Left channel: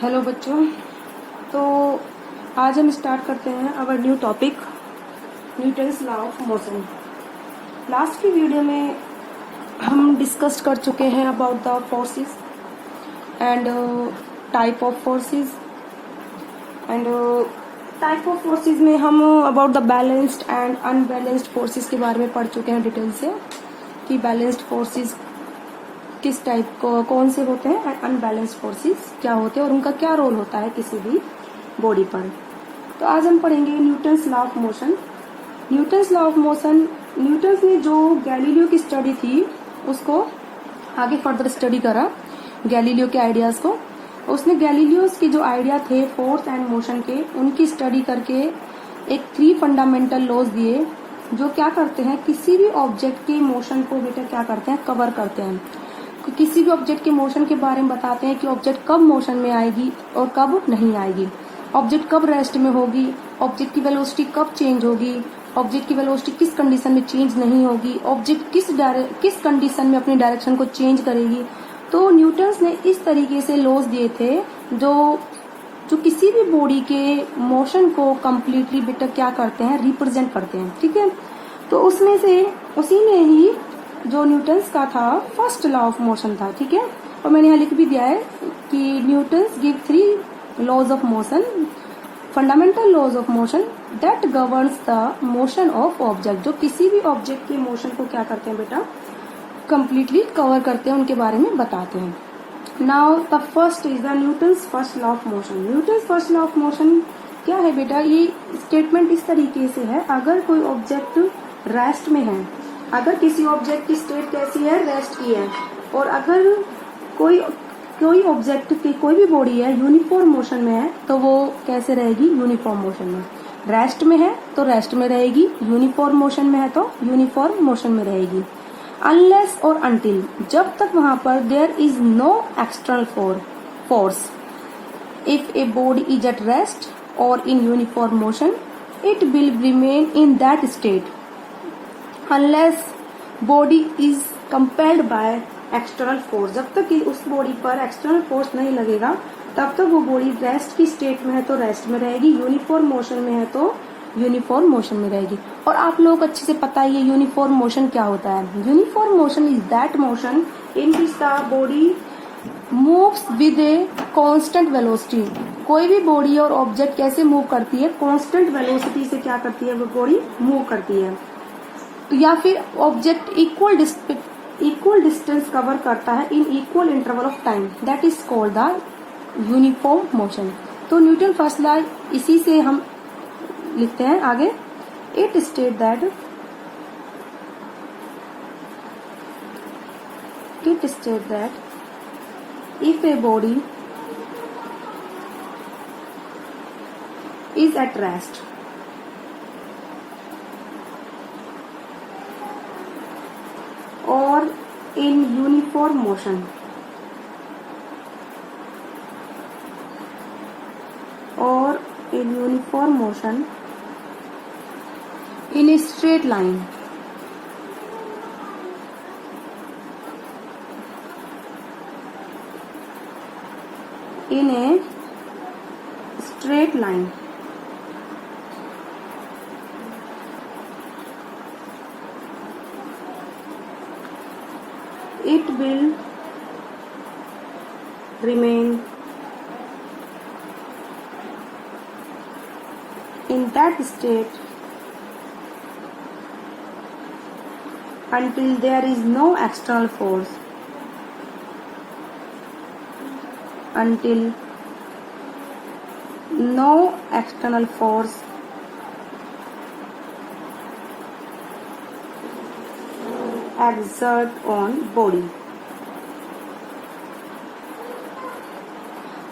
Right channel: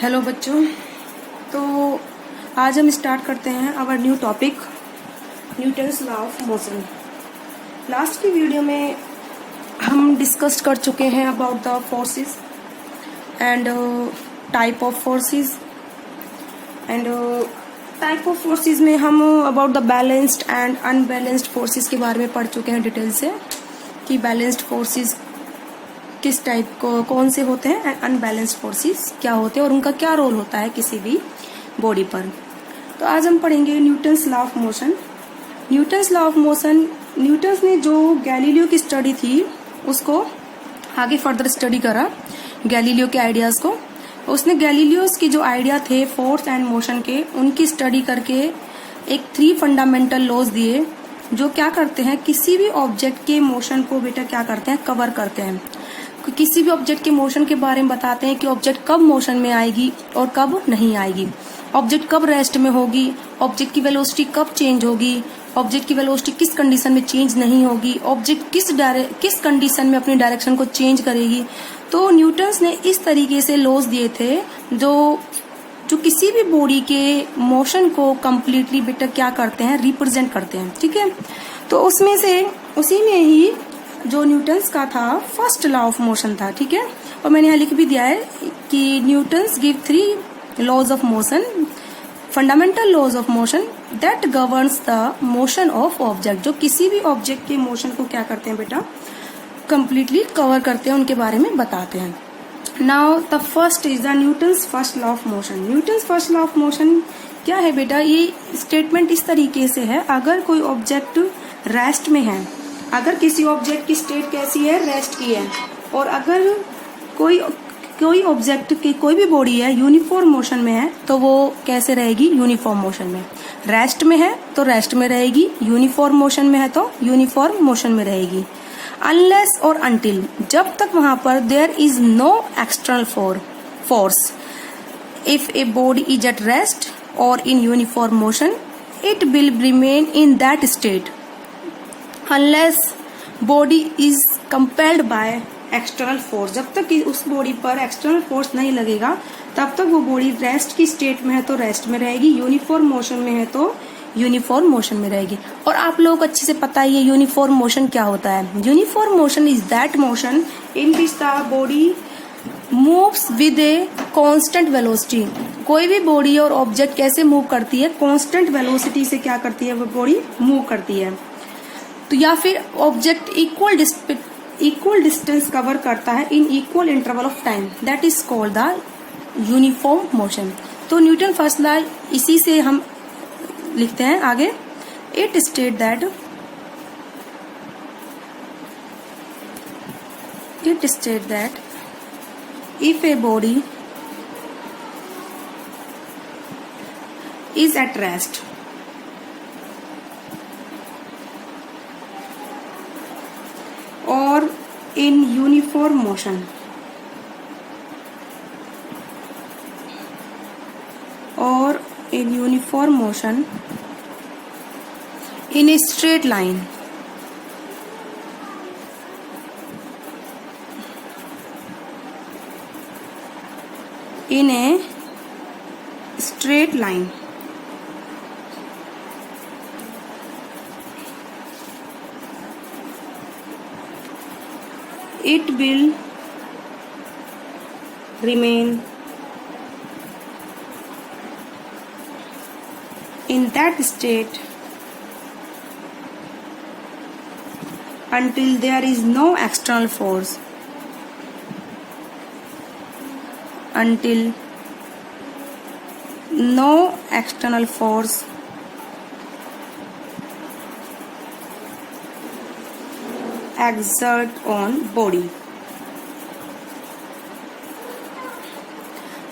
Hello बच्चों। तो आज हम स्टार्ट करते हैं our new topic Newton's law of motion. Last की वीडियो में हम डिस्कस कर चुके हैं about the forces and type of forces and type of forces में हम about the balanced and unbalanced forces के बारे में पढ़ चुके हैं डिटेल से कि बैलेंस्ड फोर्सेस किस टाइप को कौन से होते हैं एंड अनबैलेंस्ड फोर्सेस क्या होते हैं और उनका क्या रोल होता है किसी भी बॉडी पर। तो आज हम पढ़ेंगे Newton's law of motion. Newton's law of motion, Newton's ने जो गैलीलियो की स्टडी थी उसको आगे फर्दर स्टडी करा, गैलीलियो के आइडियाज को। उसने गैलीलियोस के जो आइडिया थे फोर्स एंड मोशन के, उनकी स्टडी करके एक 3 फंडामेंटल लॉज दिए जो क्या करते हैं, किसी भी ऑब्जेक्ट के मोशन को बेटा क्या करते हैं, कवर करते हैं। किसी भी ऑब्जेक्ट के मोशन के बारे में बताते हैं कि ऑब्जेक्ट कब मोशन में आएगी और कब नहीं आएगी, ऑब्जेक्ट कब रेस्ट में होगी, ऑब्जेक्ट की वेलोसिटी कब चेंज होगी, ऑब्जेक्ट की वेलोसिटी किस कंडीशन में चेंज नहीं होगी, ऑब्जेक्ट किस कंडीशन में अपनी डायरेक्शन को चेंज करेगी। तो न्यूटन्स ने इस तरीके से लॉज दिए थे जो किसी भी बॉडी के मोशन को कम्प्लीटली बेटा क्या करते हैं, रिप्रेजेंट करते हैं। ठीक है, तो उसमें से उसी में ही जो न्यूटन्स का था फर्स्ट लॉ ऑफ मोशन था। ठीक है, और मैंने यहाँ लिख भी दिया है कि Newton's give 3 laws of motion, fundamental laws of motion that governs the motion of object, जो किसी भी ऑब्जेक्ट के मोशन को क्या करते हैं बेटा, कंप्लीटली कवर करते हैं, उनके बारे में बताते हैं। Now the first is the Newton's first law of motion. Newton's first law of motion क्या है बेटा, ये स्टेटमेंट इस तरीके से है, अगर कोई ऑब्जेक्ट रेस्ट में है, अगर किसी ऑब्जेक्ट की स्टेट कैसी है, रेस्ट की है, और अगर कोई ऑब्जेक्ट की कोई भी बॉडी है यूनिफॉर्म मोशन में है तो वो कैसे रहेगी, यूनिफॉर्म मोशन में। रेस्ट में है तो रेस्ट में रहेगी, यूनिफॉर्म मोशन में है तो यूनिफॉर्म मोशन में रहेगी। अनलेस और अनटिल, जब तक वहां पर there is no external force, if a body is at rest और in uniform motion it will remain in that state unless body is compelled by external force। जब तक कि उस बॉडी पर एक्सटर्नल फोर्स नहीं लगेगा तब तक वो बॉडी रेस्ट की स्टेट में है तो रेस्ट में रहेगी, यूनिफॉर्म मोशन में है तो यूनिफॉर्म मोशन में रहेगी। और आप लोगों को अच्छे से पता है ये यूनिफॉर्म मोशन क्या होता है। Uniform motion is that motion in which the body moves with a constant velocity. कोई भी बॉडी और ऑब्जेक्ट कैसे मूव करती है, कांस्टेंट वेलोसिटी से क्या करती है, वो बॉडी मूव करती है। तो या फिर ऑब्जेक्ट इक्वल डिस्टेंस कवर करता है in equal interval of time, that is called the uniform motion. तो न्यूटन फर्स्ट लॉ इसी से हम लिखते हैं आगे। It state that if a body is at rest or in uniform motion in a straight line it will remain in that state until there is no external force, exert on body।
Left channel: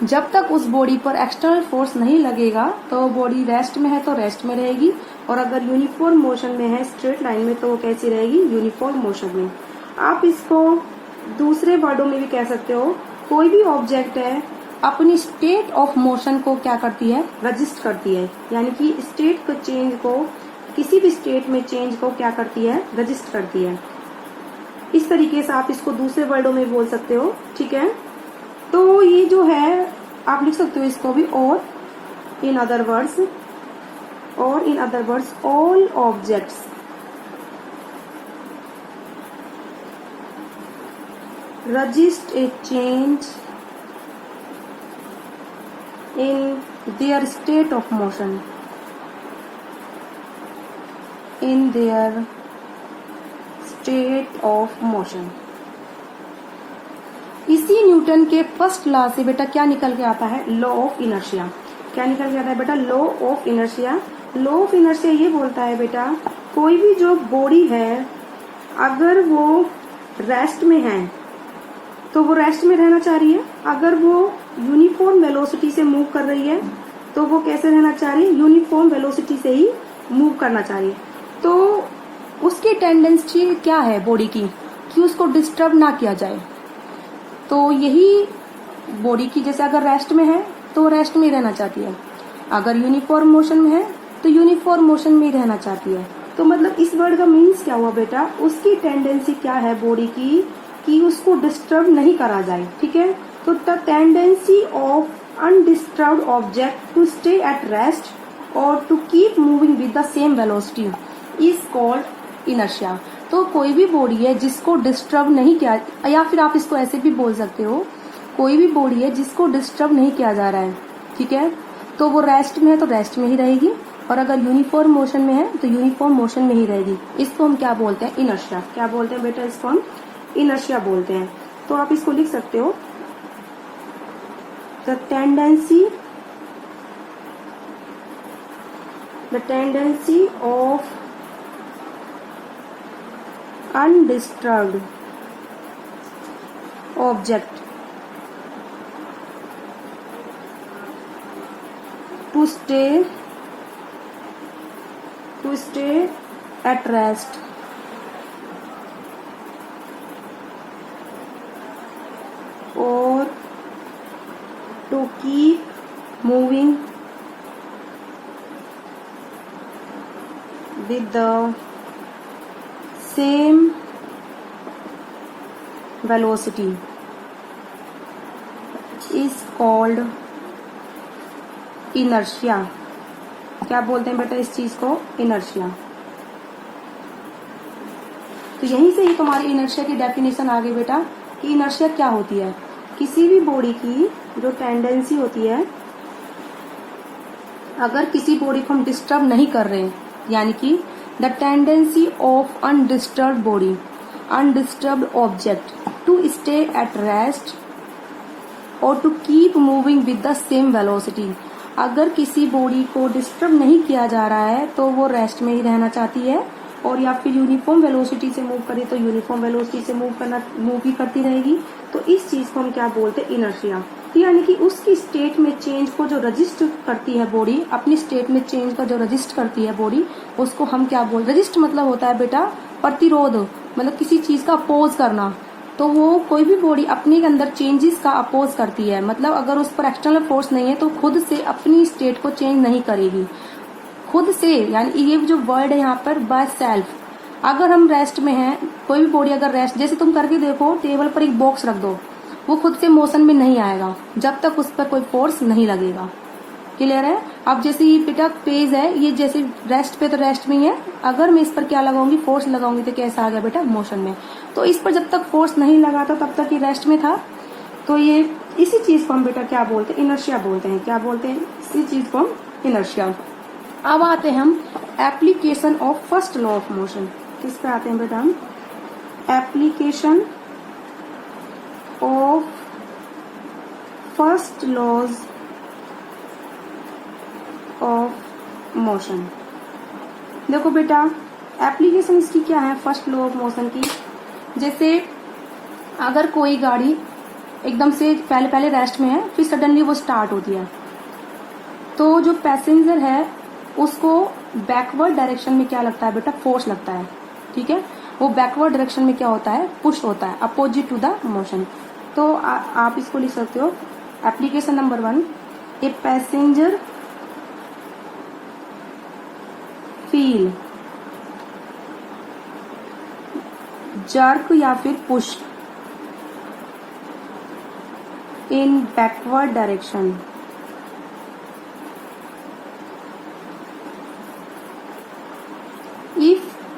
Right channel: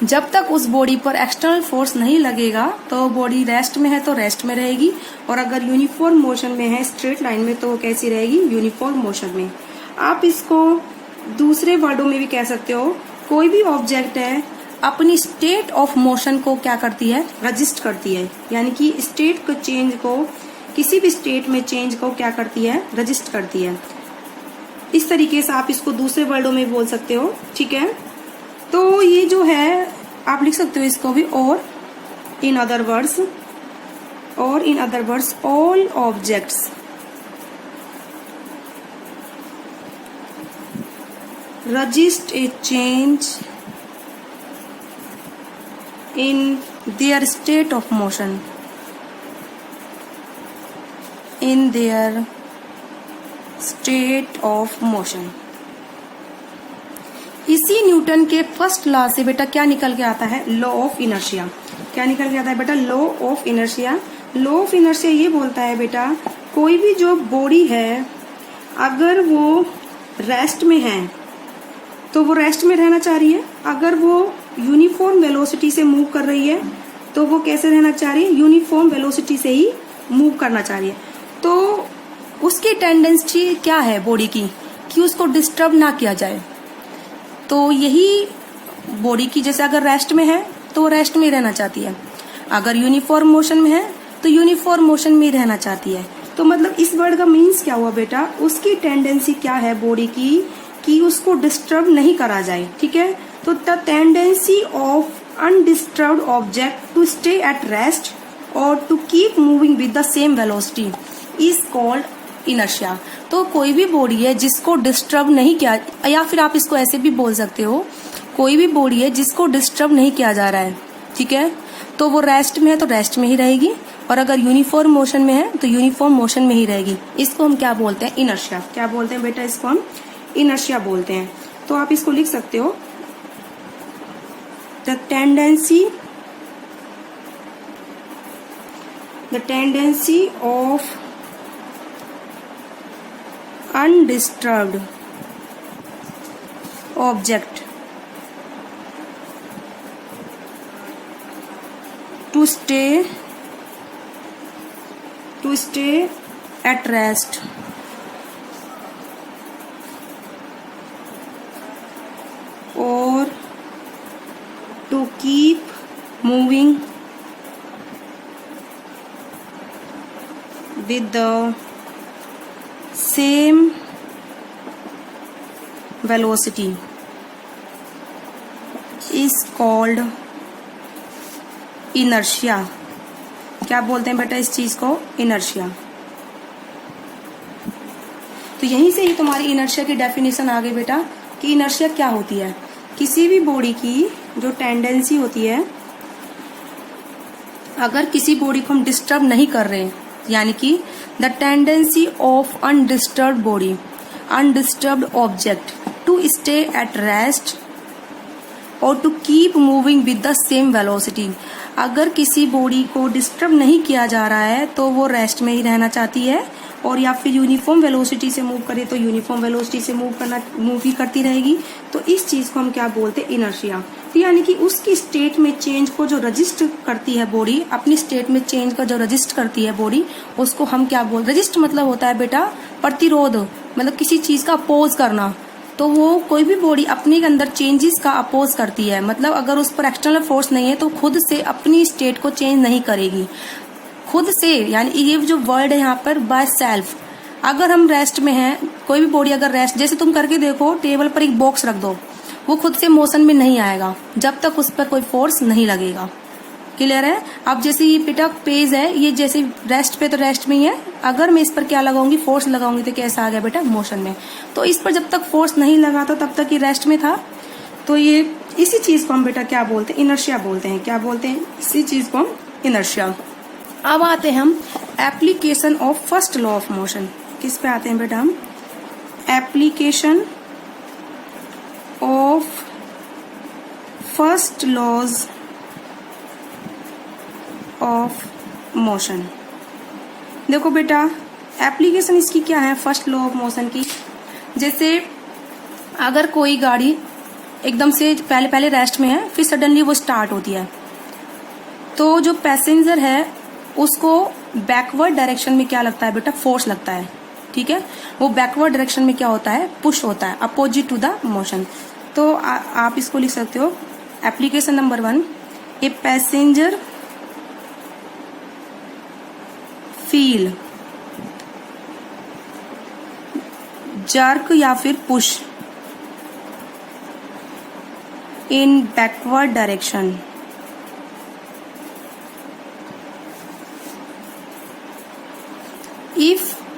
जब तक उस body पर external force नहीं लगेगा तो body rest में है तो रेस्ट में रहेगी, और अगर यूनिफॉर्म मोशन में है स्ट्रेट लाइन में तो वो कैसी रहेगी, यूनिफॉर्म मोशन में। आप इसको दूसरे वर्डों में भी कह सकते हो, कोई भी ऑब्जेक्ट है अपनी स्टेट ऑफ मोशन को क्या करती है, रजिस्ट करती है, यानी कि स्टेट को चेंज को, किसी भी स्टेट में चेंज को क्या करती है, रजिस्ट करती है। इस तरीके से आप इसको दूसरे वर्डों में बोल सकते हो। ठीक है, तो ये जो है आप लिख सकते हो इसको भी, और in other words, all objects resist A change in their state of motion, in their state of motion. इसी न्यूटन के फर्स्ट लॉ से बेटा क्या निकल के आता है, लॉ ऑफ इनर्शिया। क्या निकल के आता है बेटा, law of inertia. Law of inertia ये बोलता है बेटा, कोई भी जो बॉडी है अगर वो रेस्ट में है तो वो रेस्ट में रहना चाह रही है, अगर वो यूनिफॉर्म वेलोसिटी से मूव कर रही है तो वो कैसे रहना चाह रही है, यूनिफॉर्म वेलोसिटी से ही मूव करना चाह रही है। तो उसकी टेंडेंसी क्या है बॉडी की, कि उसको डिस्टर्ब ना किया जाए। तो यही बॉडी की, जैसे अगर रेस्ट में है तो रेस्ट में रहना चाहती है, अगर यूनिफॉर्म मोशन में है तो यूनिफॉर्म मोशन में रहना चाहती है। तो मतलब इस वर्ड का मीन्स क्या हुआ बेटा, उसकी टेंडेंसी क्या है बॉडी की कि उसको डिस्टर्ब नहीं करा जाए। ठीक है, तो the tendency of undisturbed object to stay at rest और to keep moving with the same velocity is called inertia. तो कोई भी बॉडी है जिसको डिस्टर्ब नहीं किया, या फिर आप इसको ऐसे भी बोल सकते हो, कोई भी बॉडी है जिसको डिस्टर्ब नहीं किया जा रहा है, ठीक है, तो वो रेस्ट में है तो रेस्ट में ही रहेगी, और अगर यूनिफॉर्म मोशन में है तो यूनिफॉर्म मोशन में ही रहेगी। इसको हम क्या बोलते हैं, इनर्शिया। क्या बोलते हैं बेटा, इसको हम इनर्शिया बोलते हैं। तो आप इसको लिख सकते हो, the tendency of undisturbed object to stay at rest or to keep moving with the same velocity is called inertia। क्या बोलते हैं बेटा इस चीज को, इनर्शिया। तो यहीं से ही तुम्हारी इनर्शिया की डेफिनेशन आ गई बेटा, कि इनर्शिया क्या होती है, किसी भी बॉडी की जो टेंडेंसी होती है, अगर किसी बॉडी को हम डिस्टर्ब नहीं कर रहे, यानी कि the tendency of undisturbed body, undisturbed object to stay at rest और to keep moving with the same velocity. अगर किसी बॉडी को डिस्टर्ब नहीं किया जा रहा है तो वो रेस्ट में ही रहना चाहती है, और या फिर यूनिफॉर्म वेलोसिटी से मूव करे तो यूनिफॉर्म वेलोसिटी से मूव ही करती रहेगी। तो इस चीज को हम क्या बोलते हैं, इनर्शिया। तो यानी कि उसकी स्टेट में चेंज को जो रजिस्ट करती है बॉडी, अपनी स्टेट में चेंज का जो रजिस्ट करती है बॉडी, उसको हम क्या बोलते हैं, रजिस्ट मतलब होता है बेटा प्रतिरोध, मतलब किसी चीज का अपोज करना। तो वो कोई भी बॉडी अपने अंदर चेंजेस का अपोज करती है, मतलब अगर उस पर एक्सटर्नल फोर्स नहीं है तो खुद से अपनी स्टेट को चेंज नहीं करेगी, खुद से। यानी ये जो वर्ड है यहाँ पर, बाय सेल्फ। अगर हम रेस्ट में हैं, कोई भी बॉडी अगर रेस्ट, जैसे तुम करके देखो, टेबल पर एक बॉक्स रख दो, वो खुद से मोशन में नहीं आएगा जब तक उस पर कोई फोर्स नहीं लगेगा। क्लियर है। अब जैसे ये बेटा पेज है, ये जैसे रेस्ट पे तो रेस्ट में ही है, अगर मैं इस पर क्या लगाऊंगी, फोर्स लगाऊंगी, तो कैसा आ गया बेटा, मोशन में। तो इस पर जब तक फोर्स नहीं लगा था तब तक ये रेस्ट में था। तो ये इसी चीज को हम बेटा क्या बोलते हैं, इनर्शिया बोलते हैं। क्या बोलते हैं, इसी चीज को हम इनर्शिया। अब आते हैं हम application of first law of motion. किस पे आते हैं बेटा हम, application of first laws of motion. देखो बेटा, एप्लीकेशन इसकी क्या है, फर्स्ट लॉ ऑफ मोशन की। जैसे अगर कोई गाड़ी एकदम से पहले रेस्ट में है, फिर सडनली वो स्टार्ट होती है, तो जो पैसेंजर है उसको बैकवर्ड डायरेक्शन में क्या लगता है बेटा, फोर्स लगता है। ठीक है, वो बैकवर्ड डायरेक्शन में क्या होता है, पुश होता है, अपोजिट टू द मोशन। तो आप इसको लिख सकते हो, application number 1, a passenger feel jerk या फिर पुश इन बैकवर्ड डायरेक्शन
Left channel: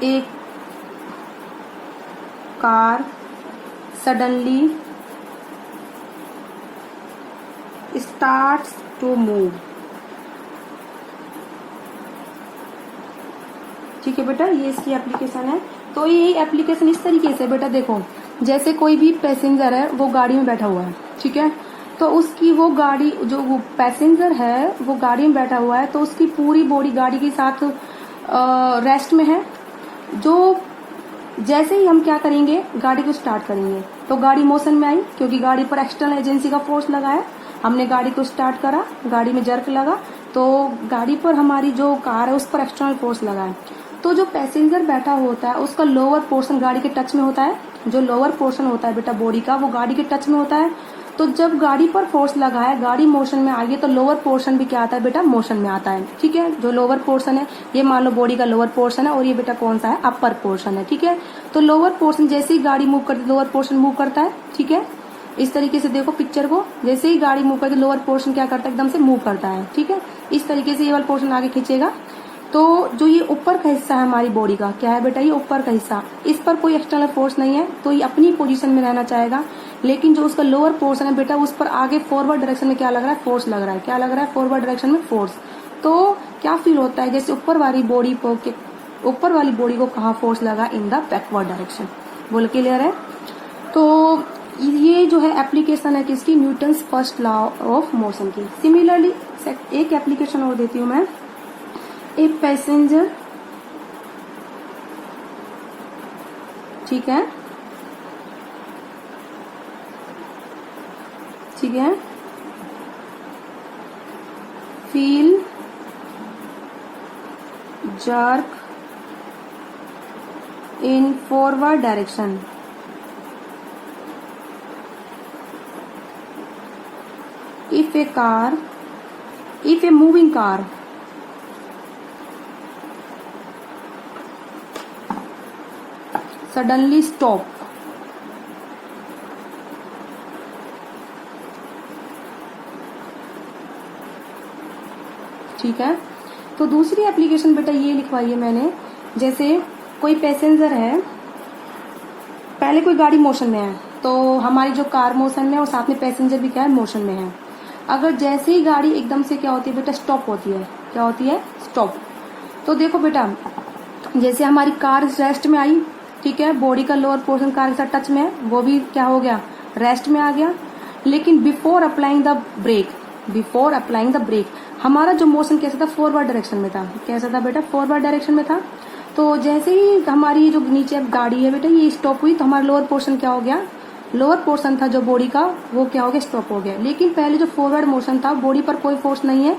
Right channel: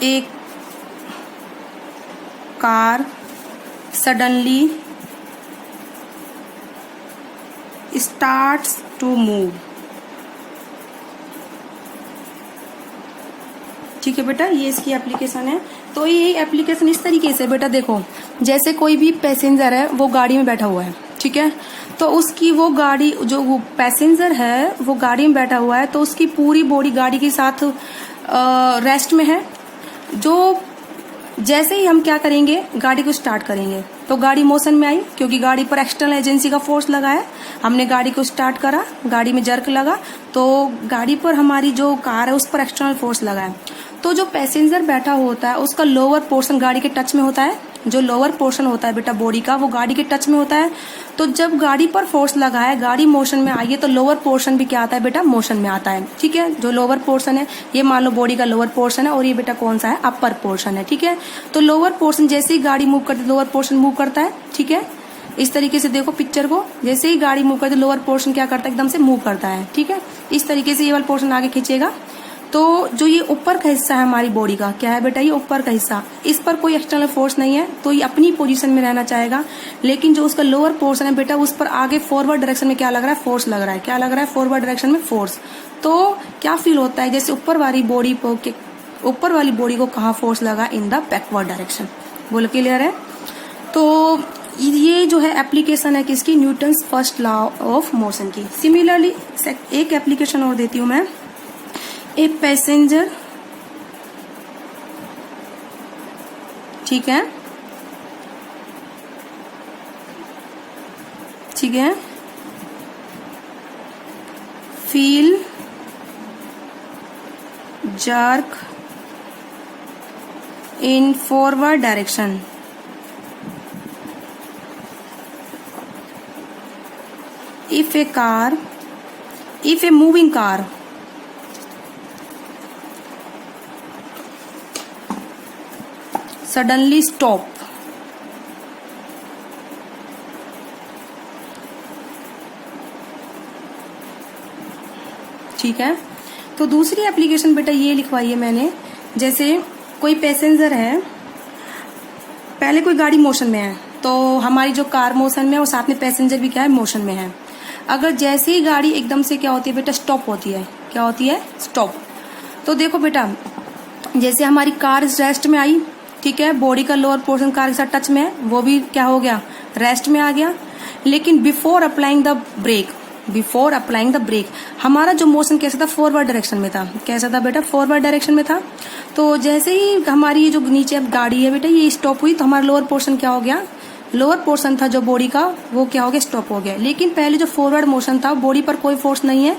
एक car suddenly starts to move। ठीक है बेटा, ये इसकी एप्लीकेशन है। तो ये एप्लीकेशन इस तरीके से बेटा देखो, जैसे कोई भी पैसेंजर है वो गाड़ी में बैठा हुआ है, ठीक है, तो उसकी वो गाड़ी, जो वो पैसेंजर है वो गाड़ी में बैठा हुआ है, तो उसकी पूरी बॉडी गाड़ी के साथ रेस्ट में है। जो जैसे ही हम क्या करेंगे, गाड़ी को स्टार्ट करेंगे तो गाड़ी मोशन में आई, क्योंकि गाड़ी पर एक्सटर्नल एजेंसी का फोर्स लगा है। हमने गाड़ी को स्टार्ट करा, गाड़ी में जर्क लगा, तो गाड़ी पर हमारी जो कार है उस पर एक्सटर्नल फोर्स लगा है। तो जो पैसेंजर बैठा होता है उसका लोअर पोर्शन गाड़ी के टच में होता है। जो लोअर पोर्शन होता है बेटा बॉडी का, वो गाड़ी के टच में होता है। तो जब गाड़ी पर फोर्स लगा है, गाड़ी मोशन में आई है, तो लोअर पोर्शन भी क्या आता है बेटा, मोशन में आता है। ठीक है, जो लोअर पोर्शन है, ये मान लो बॉडी का लोअर पोर्शन है, और ये बेटा कौन सा है, अपर पोर्शन है। ठीक है, तो लोअर पोर्शन जैसे ही गाड़ी मूव करती है, लोअर पोर्शन मूव करता है। ठीक है, इस तरीके से देखो पिक्चर को, जैसे ही गाड़ी मूव करती है लोअर पोर्शन क्या करता है, एकदम से मूव करता है। ठीक है, इस तरीके से ये वाला पोर्शन आगे खींचेगा। तो जो ये ऊपर का हिस्सा है हमारी बॉडी का, क्या है बेटा, ये ऊपर का हिस्सा, इस पर कोई एक्सटर्नल फोर्स नहीं है, तो ये अपनी पोजीशन में रहना चाहेगा। लेकिन जो उसका लोअर पोर्शन है बेटा, उस पर आगे फॉरवर्ड डायरेक्शन में क्या लग रहा है, फोर्स लग रहा है। क्या लग रहा है, फॉरवर्ड डायरेक्शन में फोर्स। तो क्या फील होता है, जैसे ऊपर वाली बॉडी को कहाँ फोर्स लगा, इन द बैकवर्ड डायरेक्शन। बोल क्लियर है। तो ये जो है एप्लीकेशन है किसकी, Newton's first law of motion की। सिमिलरली एक एप्लीकेशन और देती हूं मैं। ए पैसेंजर, ठीक है, ठीक है, feel jerk in forward direction. if a moving car suddenly stop, ठीक है। तो दूसरी एप्लीकेशन बेटा ये लिखवाई है मैंने, जैसे कोई पैसेंजर है, पहले कोई गाड़ी मोशन में है, तो हमारी जो कार मोशन में है और साथ में पैसेंजर भी क्या है, मोशन में है। अगर जैसे ही गाड़ी एकदम से क्या होती है बेटा, स्टॉप होती है। क्या होती है, स्टॉप। तो देखो बेटा, जैसे हमारी कार रेस्ट में आई, ठीक है, बॉडी का लोअर पोर्शन कार के साथ टच में है, वो भी क्या हो गया, रेस्ट में आ गया। लेकिन बिफोर अप्लाइंग द ब्रेक हमारा जो मोशन कैसा था, फॉरवर्ड डायरेक्शन में था। कैसा था बेटा, फॉरवर्ड डायरेक्शन में था। तो जैसे ही हमारी जो नीचे अब गाड़ी है बेटा, ये स्टॉप हुई, तो हमारा लोअर पोर्शन क्या हो गया, लोअर पोर्शन था जो बॉडी का, वो क्या हो गया, स्टॉप हो गया। लेकिन पहले जो फॉरवर्ड मोशन था, बॉडी पर कोई फोर्स नहीं है,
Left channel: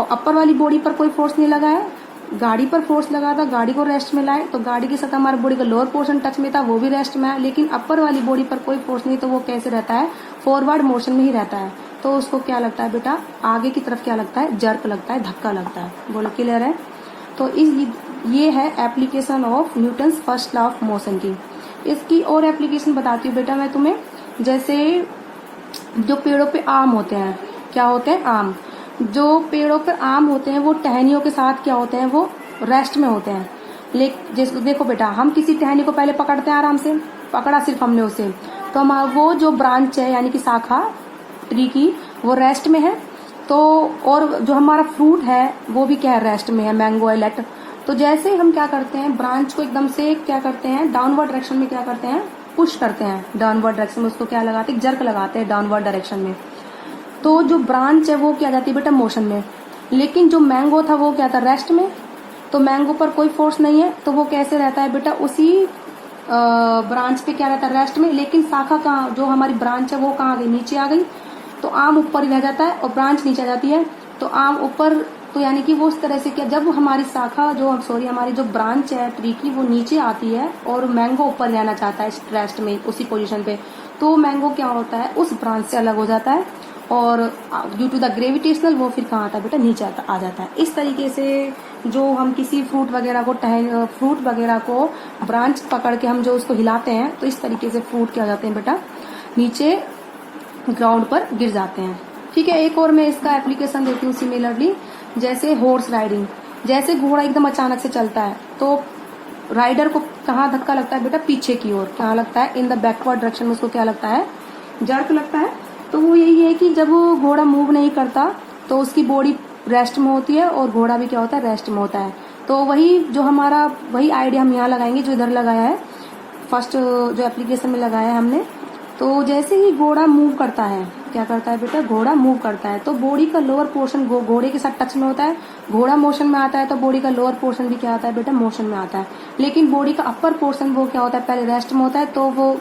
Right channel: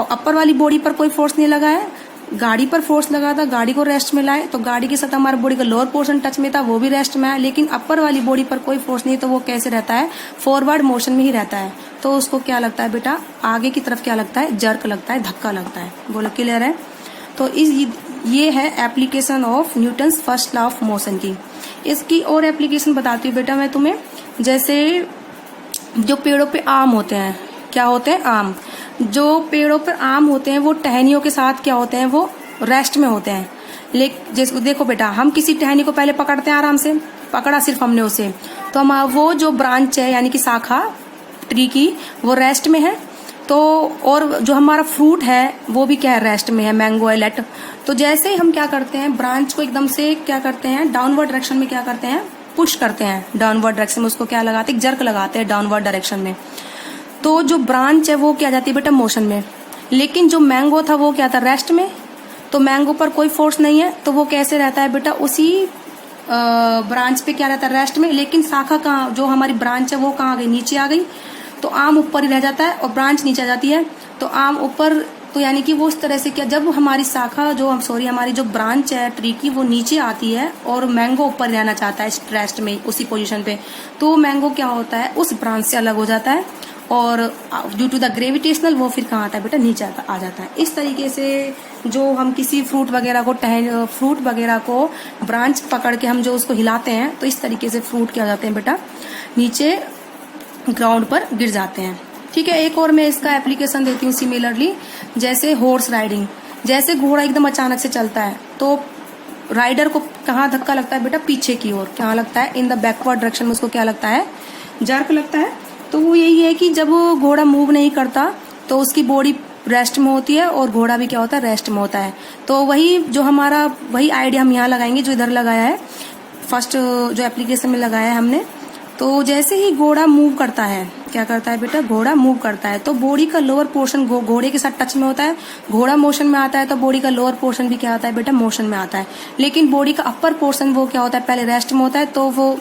और अपर वाली बॉडी पर कोई फोर्स नहीं लगा है, गाड़ी पर फोर्स लगा था, गाड़ी को रेस्ट में लाए, तो गाड़ी के साथ हमारा बॉडी का लोअर पोर्शन टच में था, वो भी रेस्ट में है। लेकिन अपर वाली बॉडी पर कोई फोर्स नहीं, तो वो कैसे रहता है, फॉरवर्ड मोशन में ही रहता है। तो उसको क्या लगता है बेटा, आगे की तरफ क्या लगता है, जर्क लगता है, धक्का लगता है। बोलो क्लियर है। तो ये है application of Newton's first law of motion की। इसकी और एप्लीकेशन बताती हूँ बेटा मैं तुम्हें। जैसे जो पेड़ों पे आम होते हैं, क्या होते हैं, आम। जो पेड़ों पर आम होते हैं वो टहनियों के साथ क्या होते हैं, वो रेस्ट में होते हैं। जैसे देखो बेटा, हम किसी टहनी को पहले पकड़ते हैं, आराम से पकड़ा सिर्फ हमने उसे, तो हम वो जो ब्रांच है यानी कि शाखा ट्री की, वो रेस्ट में है। तो और जो हमारा फ्रूट है वो भी क्या है, रेस्ट में है, मैंगो है, लेट। तो जैसे ही हम क्या करते हैं, ब्रांच को एकदम से क्या करते हैं, डाउनवर्ड डायरेक्शन में क्या करते हैं, पुश करते हैं डाउनवर्ड डायरेक्शन में, उसको क्या लगाते हैं, जर्क लगाते हैं डाउनवर्ड डायरेक्शन में। तो जो ब्रांच है वो क्या जाती है बेटा, मोशन में। लेकिन जो मैंगो था वो क्या था, रेस्ट में। तो मैंगो पर कोई फोर्स नहीं है, तो वो कैसे रहता है बेटा, उसी ब्रांच पे क्या रहता है, रेस्ट में। लेकिन शाखा कहाँ, जो हमारी ब्रांच है वो कहाँ गई, नीचे आ गई। तो आम ऊपर ही रह जाता है और ब्रांच नीचे आ जाती है। तो आम ऊपर, तो यानी कि वो उस तरह से क्या, जब हमारी शाखा हमारी जो ब्रांच है ट्री की, वो नीचे आती है और मैंगो ऊपर रहना चाहता है रेस्ट में, उसी पोजीशन पे, तो मैंगो क्या होता है, उस ब्रांच से अलग हो जाता है, और ड्यू टू द ग्रेविटेशनल वो फिर कहाँ आता है बेटा, नीचे आ जाता है। इस तरीके से जो हम किसी फ्रूट वगैरह को ब्रांच पकड़ के हम जो उसको हिलाते हैं, तो इस तरीके से फ्रूट क्या हो जाते हैं बेटा, नीचे ग्राउंड पर गिर जाते हैं। ठीक है, एक और मैं इसका एप्लीकेशन देती हूँ सिमिलरली। जैसे हॉर्स राइडिंग, जैसे घोड़ा एकदम अचानक से चलता है, तो राइडर को कहाँ धक्का लगता है बेटा, पीछे की ओर क्या लगता है, इन द बैकवर्ड डायरेक्शन में उसको क्या लगता है, जर्क लगता है। तो वो यही है कि जब वो घोड़ा मूव नहीं करता तो उसकी बॉडी रेस्ट में होती है और घोड़ा भी क्या होता है, रेस्ट में होता है। तो वही जो हमारा वही आइडिया हम यहाँ लगाएंगे जो इधर लगाया है, फर्स्ट जो एप्लीकेशन में लगाया है हमने। तो जैसे ही घोड़ा मूव करता है, क्या करता है बेटा, घोड़ा मूव करता है तो बॉडी का लोअर पोर्शन घोड़े के साथ टच में होता है। घोड़ा मोशन में आता है तो बॉडी का लोअर पोर्शन भी क्या आता है बेटा, मोशन में आता है। लेकिन बॉडी का अपर पोर्शन वो क्या होता है, पहले रेस्ट में होता है। तो वो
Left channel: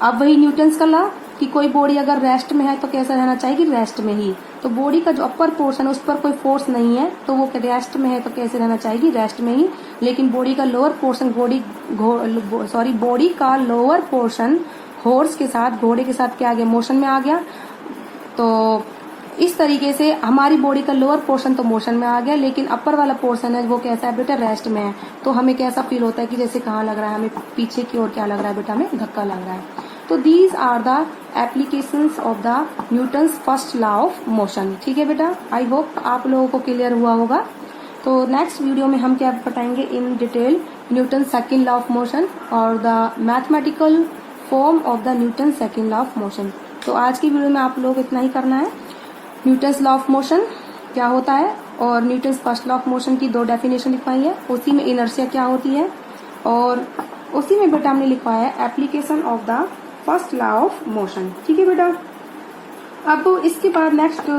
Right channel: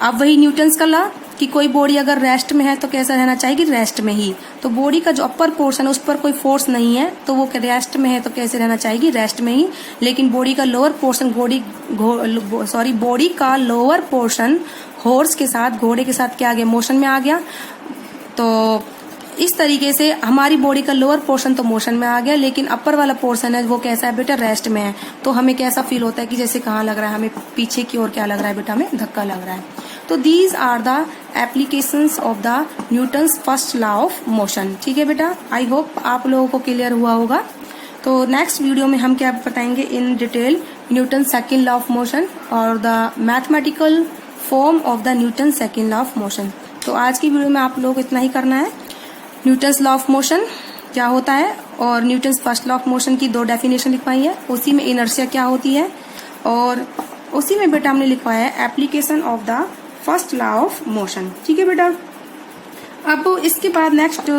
अब वही न्यूटन्स का लॉ कि कोई बॉडी अगर रेस्ट में है तो कैसा रहना चाहिए, रेस्ट में ही। तो बॉडी का जो अपर पोर्शन है उस पर कोई फोर्स नहीं है तो वो रेस्ट में है तो कैसे रहना चाहिए, रेस्ट में ही। लेकिन बॉडी का लोअर पोर्शन बॉडी का लोअर पोर्शन हॉर्स के साथ, घोड़े के साथ क्या आ गया, मोशन में आ गया। तो इस तरीके से हमारी बॉडी का लोअर पोर्शन तो मोशन में आ गया, लेकिन अपर वाला पोर्शन है वो कैसा है बेटा, रेस्ट में है। तो हमें कैसा फील होता है कि जैसे कहाँ लग रहा है, हमें पीछे की ओर क्या लग रहा है बेटा, हमें धक्का लग रहा है। तो these are the applications of the Newton's first law of motion. ठीक है बेटा, आई होप आप लोगों को क्लियर हुआ होगा। तो नेक्स्ट वीडियो में हम क्या बताएंगे in detail, Newton second law of motion और the mathematical form of the Newton second law of motion. तो आज की वीडियो में आप लोग इतना ही करना है। न्यूटन्स लॉ ऑफ मोशन क्या होता है और Newton's first law of motion की 2 डेफिनेशन लिखवाई है, उसी में इनर्शिया क्या होती है और उसी में बेटा हमने लिखवाया है application of the first law of motion. ठीक है बेटा, अब इसके बाद next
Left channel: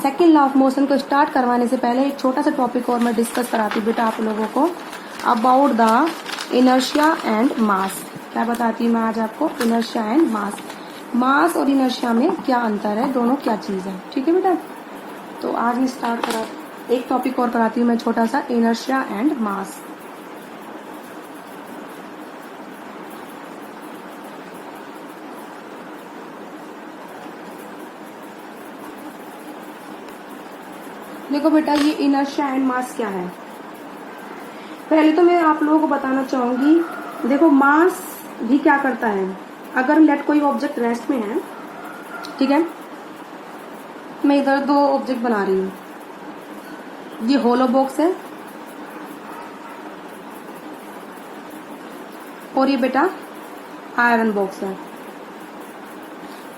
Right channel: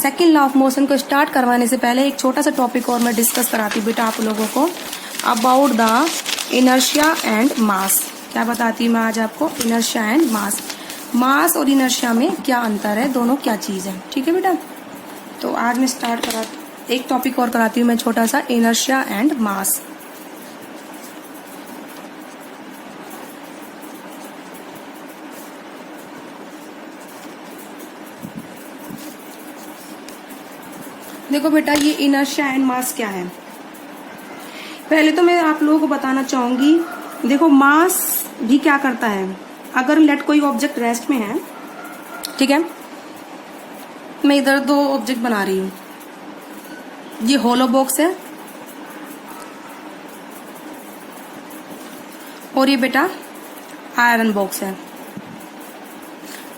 second law of motion को स्टार्ट करवाने से पहले एक छोटा सा टॉपिक और मैं डिस्कस कराती हूँ बेटा आप लोगों को, about the inertia and mass. क्या बताती हूँ मैं आज आपको, इनर्शिया एंड मास। मास और इनर्शिया में क्या अंतर है, दोनों क्या चीज है। ठीक है बेटा, तो आज मैं स्टार्ट कराती, एक टॉपिक और कराती हूँ मैं छोटा सा, इनर्शिया एंड मास। देखो बेटा, ये इनर्शिया एंड मास क्या है, पहले तो मैं आप लोगों को बताना चाहूंगी। देखो मास भी क्या करता है, अगर लेट कोई ऑब्जेक्ट रेस्ट में है, ठीक है, मैं इधर 2 ऑब्जेक्ट बना रही हूँ, ये होलो बॉक्स है और ये बेटा आयरन बॉक्स है।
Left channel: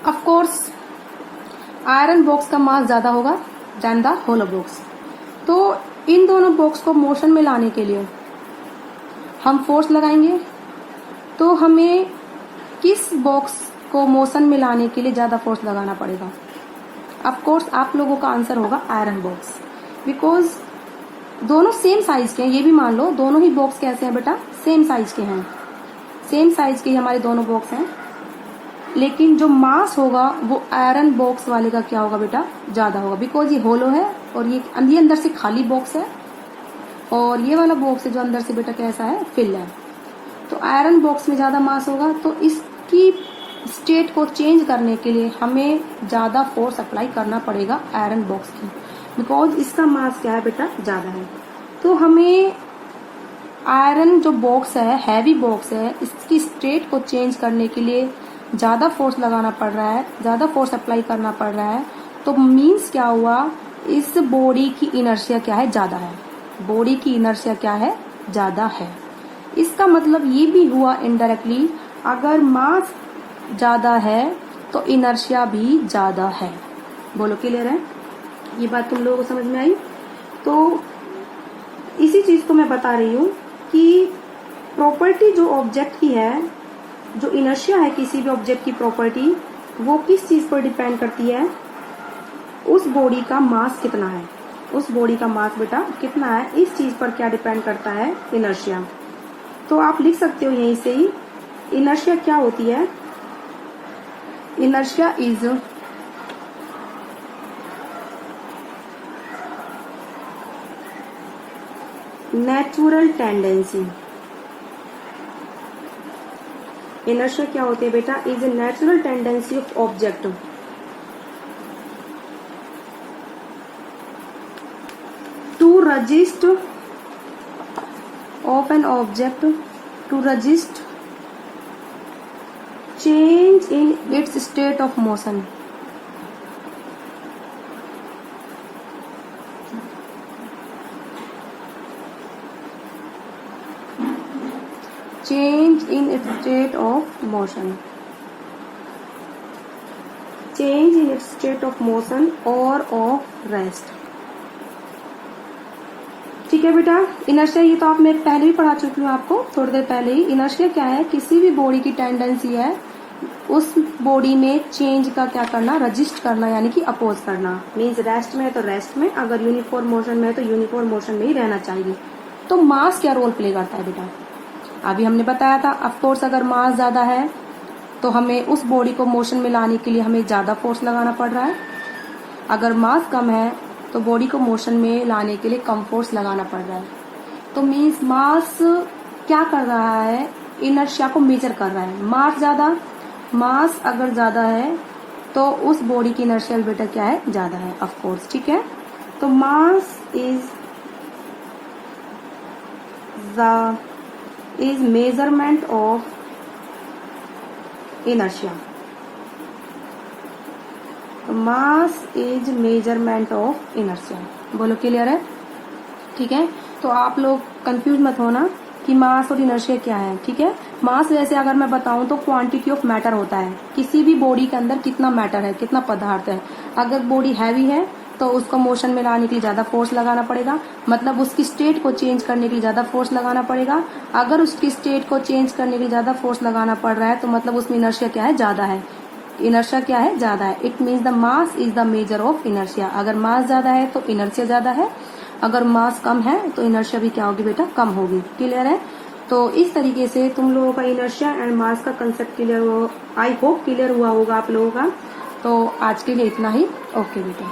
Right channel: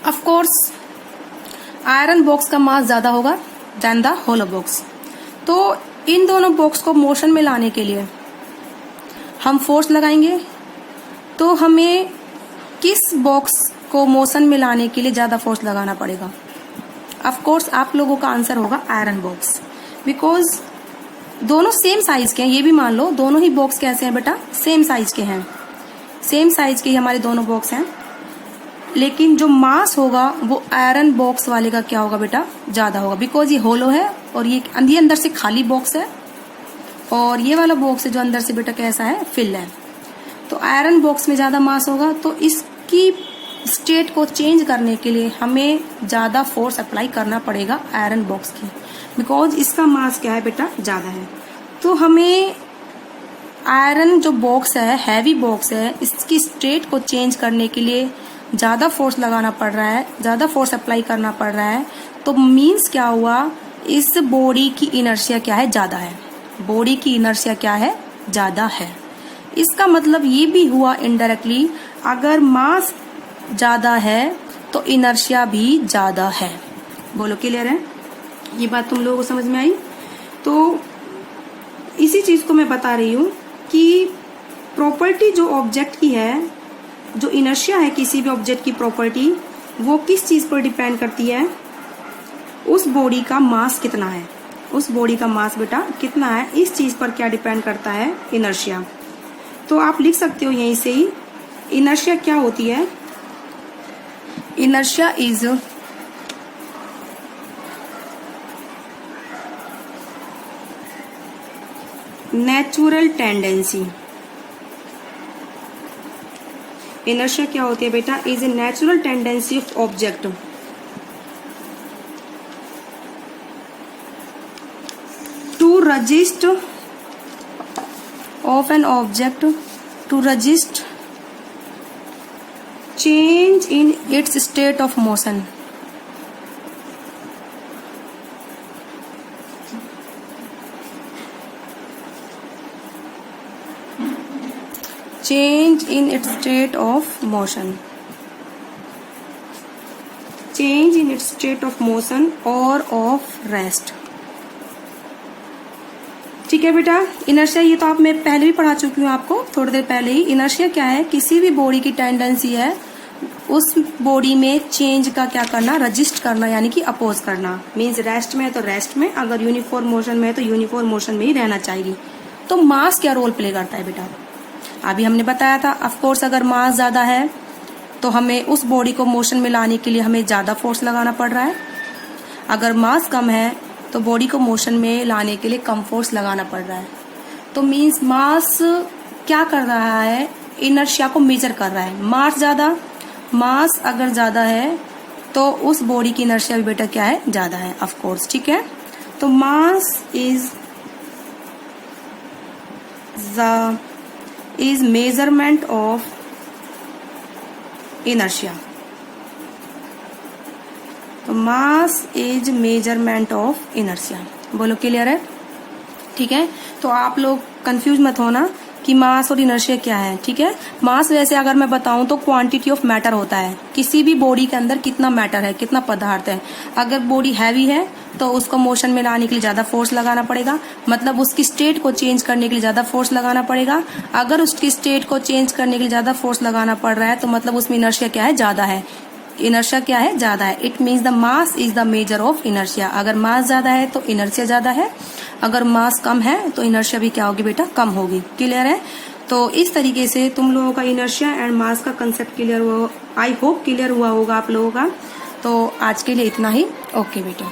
ऑफ कोर्स आयरन बॉक्स का मास ज्यादा होगा देन द होलो बॉक्स। तो इन दोनों बॉक्स को मोशन में लाने के लिए हम फोर्स लगाएंगे, तो हमें किस बॉक्स को मोशन में लाने के लिए ज्यादा फोर्स लगाना पड़ेगा। ऑफ कोर्स आप लोगों का आंसर होगा आयरन बॉक्स, बिकॉज दोनों सेम साइज के हैं। ये भी मान लो दोनों ही बॉक्स कैसे हैं बेटा, सेम साइज के हैं, सेम साइज के ही हमारे दोनों बॉक्स हैं। लेकिन जो मास होगा वो आयरन बॉक्स वाले का क्या होगा बेटा, ज्यादा होगा, बिकॉज ये होलो है और ये अंदर से खाली बॉक्स है और ये वाला बॉक्स है जो अंदर से बेटा कैसा है, फिल है। तो आयरन बॉक्स में ज्यादा मास होगा, तो इसकी स्टेट को चेंज करने के लिए हमें ज्यादा फोर्स अप्लाई करना पड़ेगा आयरन बॉक्स की, बिकॉज इसका मास क्या है बेटा, ज्यादा है। तो हमें आयरन जो बॉक्स है, हैवी बॉक्स है, इसकी स्टेट को चेंज करने के लिए ज्यादा फोर्स लगाना पड़ रहा है, ज्यादा फोर्स अप्लाई करना पड़ रहा है। तो मीन्स क्या हुआ, इस बॉडी की इनर्शिया क्या है, ज्यादा है। बॉडी की इनर्शिया क्या है, ज्यादा है। इसका मतलब ये भी हुआ इनडायरेक्टली, अगर मास ज्यादा है तो इनर्शिया भी ज्यादा है। बोलो क्लियर है, ये बात तुम लोगों को समझ में आई। तो इसी चीज को मैं बता रही हूँ कि प्रॉपर्टी जो ऑब्जेक्ट की है, जो इनर्शिया है किसी भी ऑब्जेक्ट की प्रॉपर्टी, वो किस चीज पर डिपेंड करती है, उस बॉडी का मास कितना है, उस बॉडी का मास बेटा कितना है, इस चीज पर क्या डिपेंड करता है, इनर्शिया। तो आप लिख सकते हो यहीं से ही, इनर्शिया क्या होती है, inertia is natural tendency. Inertia क्या होती है बेटा, is a natural tendency of object to resist of an object to resist change in its state of motion. Change in its state of motion, change in its state of motion और of rest. ठीक है बेटा, inertia ये तो आप मैं पहले भी पढ़ा चुकी हूँ आपको थोड़ी देर पहले ही। इनर्शिया क्या है, किसी भी बॉडी की टेंडेंसी है उस बॉडी में चेंज का क्या करना, रजिस्ट करना, यानी कि अपोज करना। मीन्स रेस्ट में है तो रेस्ट में, अगर यूनिफॉर्म मोशन में है तो यूनिफॉर्म मोशन में ही रहना चाहिए। तो मास क्या रोल प्ले करता है बेटा, अभी हमने बताया था। ऑफकोर्स अगर मास ज्यादा है तो हमें उस बॉडी को मोशन में लाने के लिए हमें ज्यादा फोर्स लगाना पड़ रहा है। अगर मास कम है तो बॉडी को मोशन में लाने के लिए कम फोर्स लगाना पड़ रहा है। तो मीन्स मास क्या कर रहा है, इनर्शिया को मेजर कर रहा है। मास अगर ज्यादा है तो उस बॉडी की इनर्शिया भी बेटा क्या है, ज्यादा है ऑफ कोर्स। ठीक है, तो mass is measurement of inertia. Mass is measurement of inertia. बोलो क्लियर है? ठीक है, तो आप लोग कंफ्यूज मत होना कि मास और इनर्शिया क्या है। ठीक है, मास वैसे अगर मैं बताऊं तो क्वांटिटी ऑफ मैटर होता है, किसी भी बॉडी के अंदर कितना मैटर है, कितना पदार्थ है। अगर बॉडी हैवी है तो उसको मोशन में लाने के लिए ज्यादा फोर्स लगाना पड़ेगा, मतलब उसकी स्टेट को चेंज करने के लिए ज्यादा फोर्स लगाना पड़ेगा। अगर उसकी स्टेट को चेंज करने के लिए ज्यादा फोर्स लगाना पड़ रहा है तो मतलब उसमें इनर्शिया क्या है, ज्यादा है। इनर्शिया क्या है, ज्यादा है। It means the mass is the measure of inertia. अगर मास ज्यादा है तो इनर्शिया ज्यादा है, अगर मास कम है तो इनर्शिया भी क्या होगी बेटा, कम होगी। क्लियर है? तो इस तरीके से तुम लोगों का इनर्शिया एंड मास का कंसेप्ट क्लियर हुआ, आई होप क्लियर हुआ होगा आप लोगों का। तो आज के लिए इतना ही। ओके बेटा।